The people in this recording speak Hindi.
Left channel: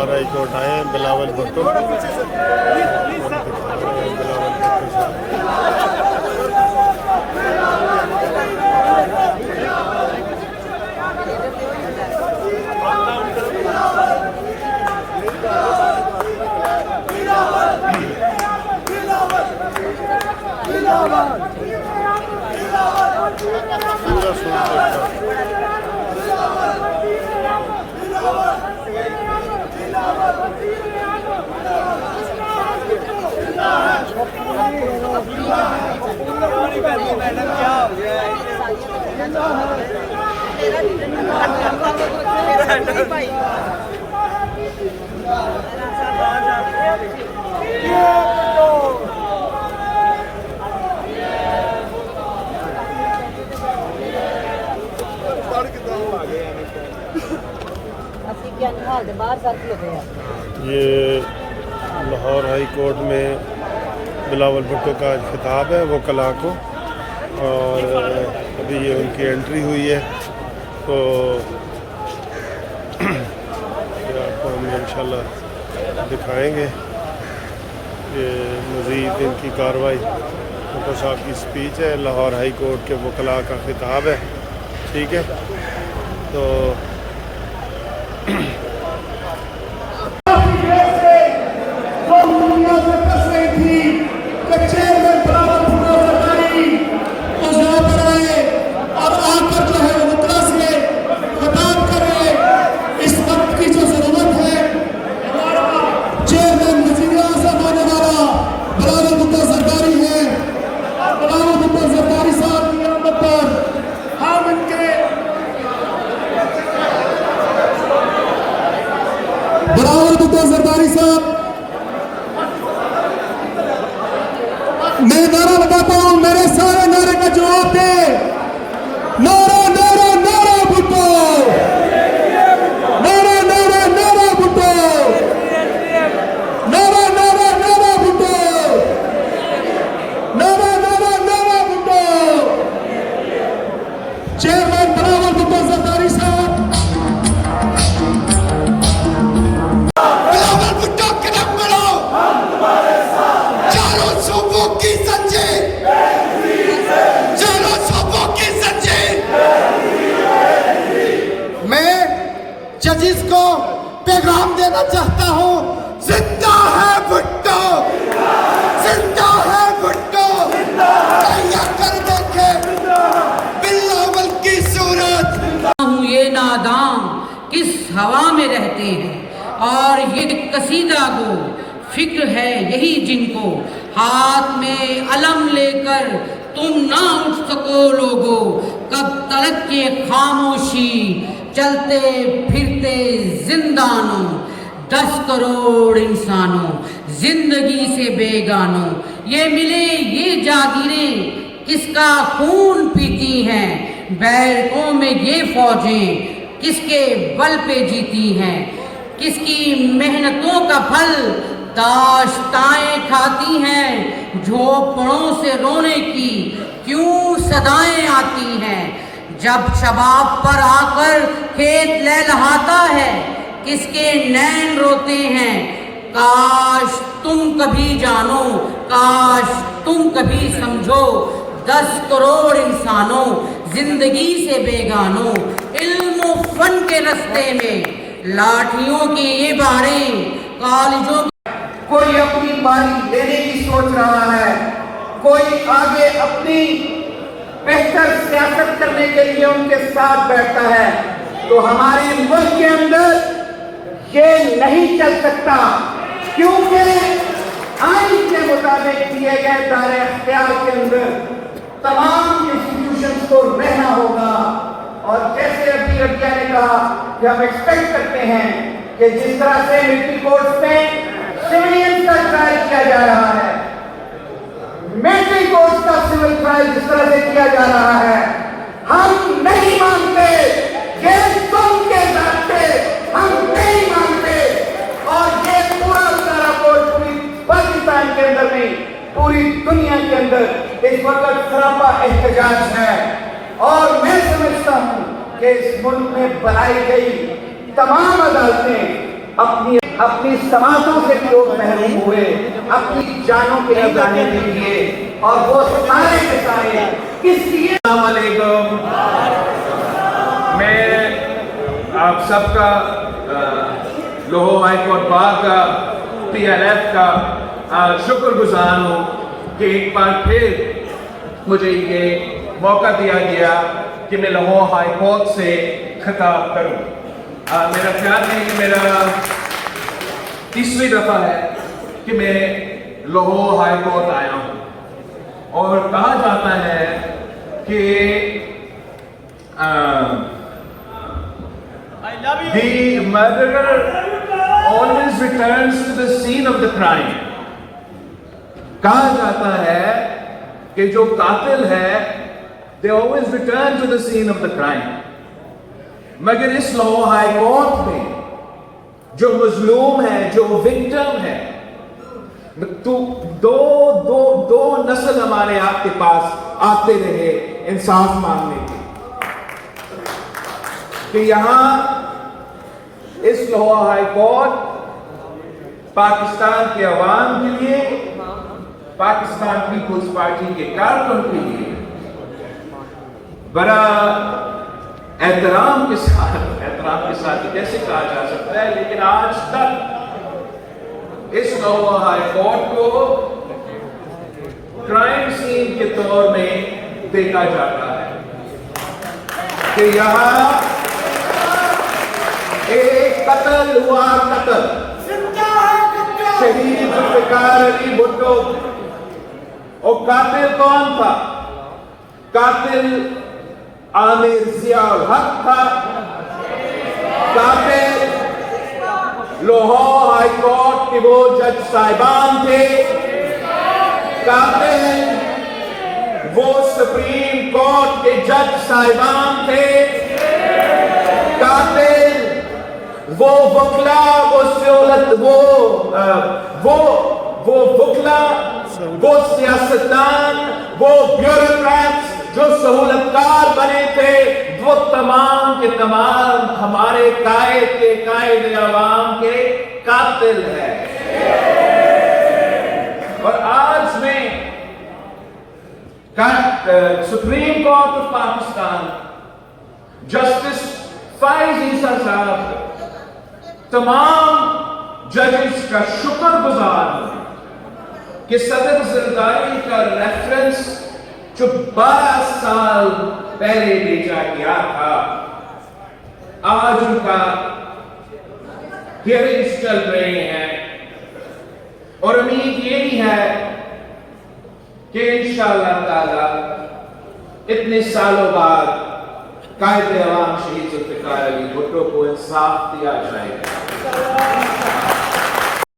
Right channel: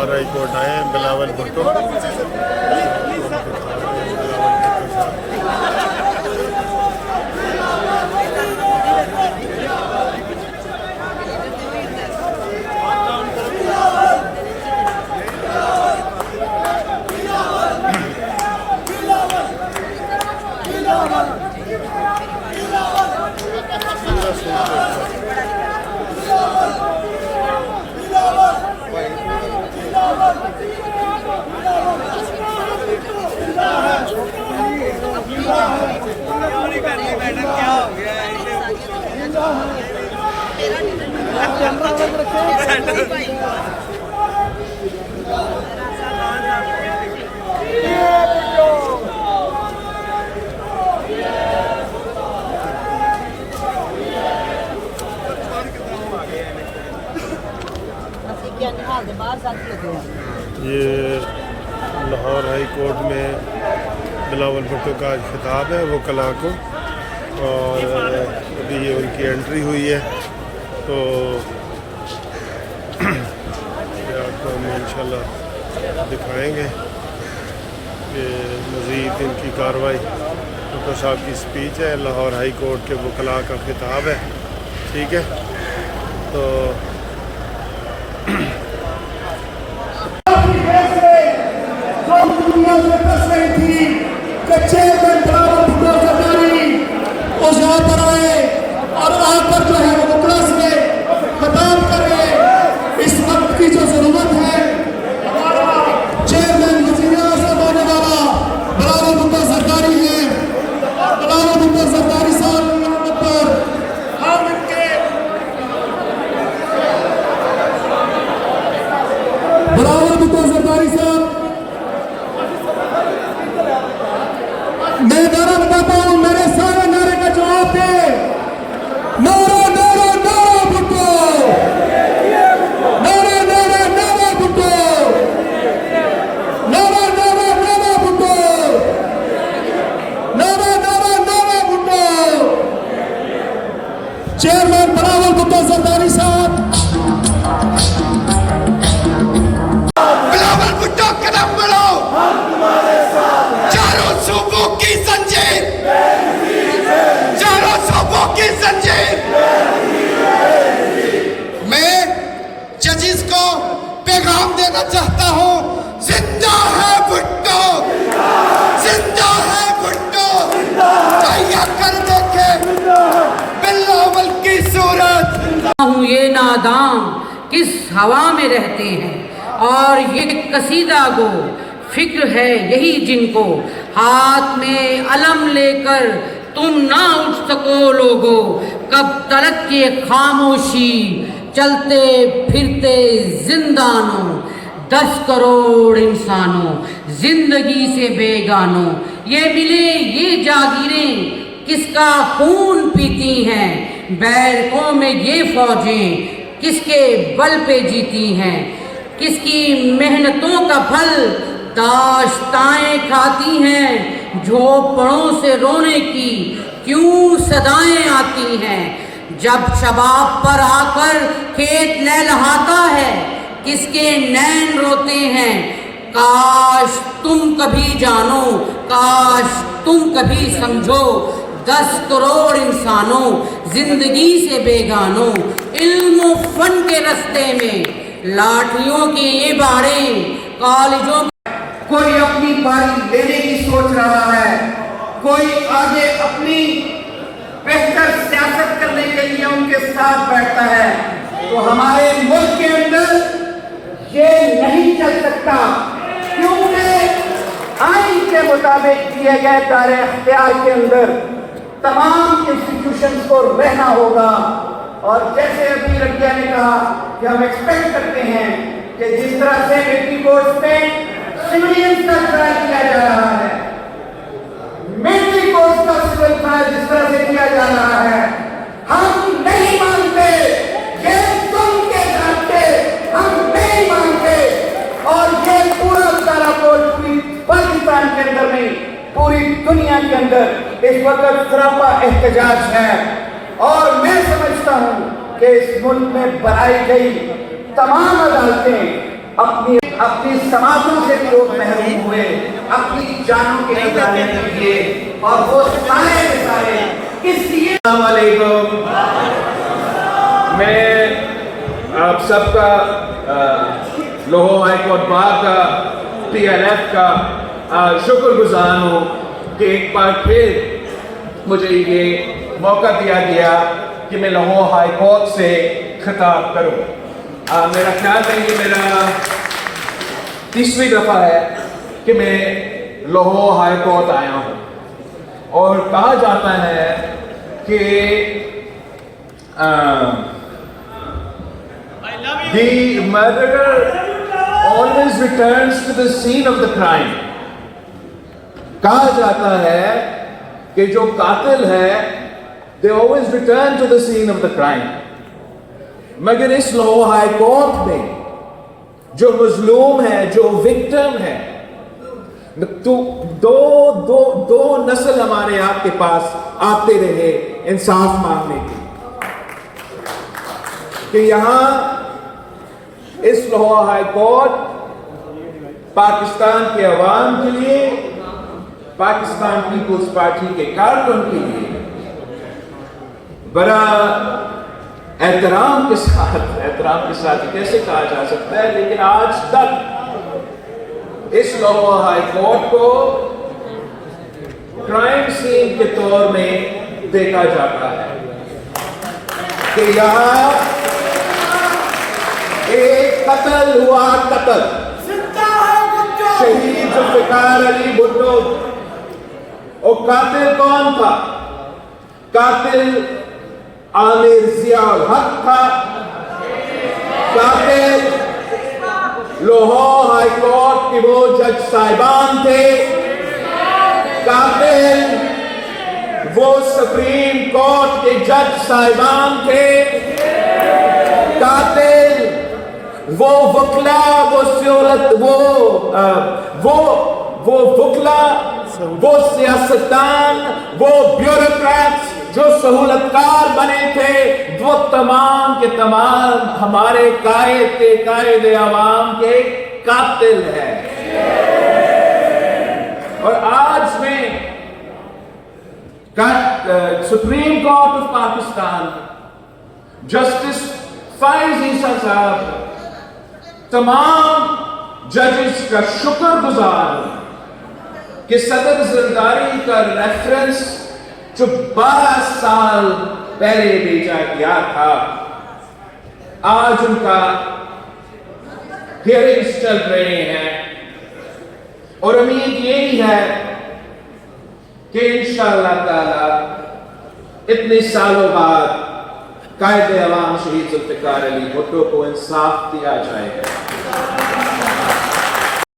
लाहौर हाई कोर्ट आए हैं बिलावल भुट्टो और दिखा रहे हैं बिलावल भुट्टो साहब। पूरा सूट देखा ये लाहौर हाई कोर्ट में बिलावल भुट्टो का आज खिताब है वो कला को, और अभी ये उनकी एंट्री हुई है, तो ये आपको हम इंशाल्लाह दिखाएंगे। ये मज़ीद इनकी कार्रवाई भुट्टो साहब की स्पीच है, लाहौर हाई कोर्ट के वकला का खिताब है, ठीक है। तो मैं नारा बताता हूँ, मेरे सारे नारे का जवाब दे। नारा नारा नारा भुट्टो, नारा नारा नारा भुट्टो, नारा नारा नारा भुट्टो, नारा नारा नारा भुट्टो। चेयरमैन बिलावल भुट्टो जरदारी साहब, जजिस को पैगाम देना चाहता हूँ, जिंदा है भुट्टो, जिंदा है भुट्टो। तैयार कर देखे बिलावल की सूरत। हूँ ये नादान किस हवा में रहते हैं, और ये कसीदा गो फिक्र है यही जिनको, हाथ में अलम लेकर तुम ना उठ सको लोगो, कब तलक ये खामोशी चलते फिरते जिंदानों, 10 करोड़ इंसानों जिंदगी से बेगानों, ये मिले ये जागीरें किसका खून पीती हैं, बैरकों में ये फौजें किसके बल पे जीती हैं, किसकी मेहनतों का फल दाश्ताएं खाती हैं, झोपड़ों से रोने की क्यों सदाएं आती हैं, जब शबाब पर आकर खेत लहलहाता है किसके नैन रोते हैं, काश तुम कभी जानो, काश तुम कभी समझो, 10 करोड़ इंसानों जिंदगी से बेगानों, इल्म फन के रास्ते में लाठियों के ये बाड़े कॉलेजों। कोई अपनी बारी लेने की सोच रहा है, कोई आगे अपनी बेहतर सियासत करने के लिए उनके साथ बैठता है, तो हमारे मुल्क के अंदर ये नहीं चल सकता, क्योंकि आइन के मुताबिक दिए गए दायरे अख्तियार के अंदर तमाम इंस्टीट्यूशंस को रहना होगा। और जैसे अभी रबिया ने कहा कि हम एक्सपेक्ट करते हैं कि जिस तरह से मिलिट्री कोर्ट्स में सिविलियंस का ट्रायल किया जा रहा है, मिलिट्री कोर्ट्स का सिविल ट्रायल जिस तरह से किया जा रहा है, हम नहीं मानते, ये तुम के जानते, हम नहीं मानते। और ये पूरा सारा कोर्ट पूरी पाकिस्तान के अंदर नहीं, पूरी दुनिया के अंदर इस वक्त सरापा एहतजाज है। और मैं समझता हूं कि इस मुल्क में बनाई गई तमाम अदालतें अपनी समाजों से भी लोग महरूम हुए, अपनी जानों के जाने के लिए, और वो सारे के सारे किस लिए। मैं आप सबका लाहौर हाई कोर्ट बार का TNF का शुक्रगुजार हूँ कि एक बार फिर मुझे ये मौका दिया गया कि मैं लाहौर हाई कोर्ट से खिताब करूँ। मेरा ख्याल है कि मेरा तीसरी दफा है कि मैं लाहौर हाई कोर्ट आया हूँ, और कहा जाता है कि the murderer always returns to the scene of the crime। कहा जाता है कि जो कातिल है they always return to the scene of the crime। मगर इस लाहौर हाई कोर्ट में जो मजलूम है, जो विक्टिम है, तो दो नस्ल हमारे आपके पास आते रहे इंसाफ मांगने की, कि यहां इस लाहौर हाई कोर्ट पाकिस्तान के अवाम के लिए, पाकिस्तान पीपुल्स पार्टी के कारकुन के लिए बड़ा एहतराम के साथ कैसे कहा जा सकता है, लेकिन आज तक इस लाहौर हाई कोर्ट को क्राइम सीन के तौर में देखा जाता है कि यहां एक कत्ल हुआ, शहीद जुल्फिकार अली भुट्टो। और कातिल कौन था? कातिल आमिर जियाउल हक था। कातिल लाहौर हाई कोर्ट के वो जज साहिबान थे। कातिल वो सुप्रीम कोर्ट के जज साहिबान थे। कातिल वो वकला, वो वकला, वो सियासतदान, वो ब्यूरोक्रेट्स जो सहूलतकार बने थे, वो तमाम के तमाम हमारे कायद अवाम के कातिल है। और आज में supreme court of Pakistan justice Faez Isa साहब तमाम जजेस का शुक्रगुजार कि सदर जरदारी का रेफरेंस जो 12 साल पहले भेजा गया था, आज उनका हियरिंग्स चल रहे हैं, और उम्मीद यही है कि इंशाअल्लाह ताला इतने सालों बाद कायदे अवाम शहीद जुल्फिकार अली भुट्टो को इंसाफ दिया जाएगा।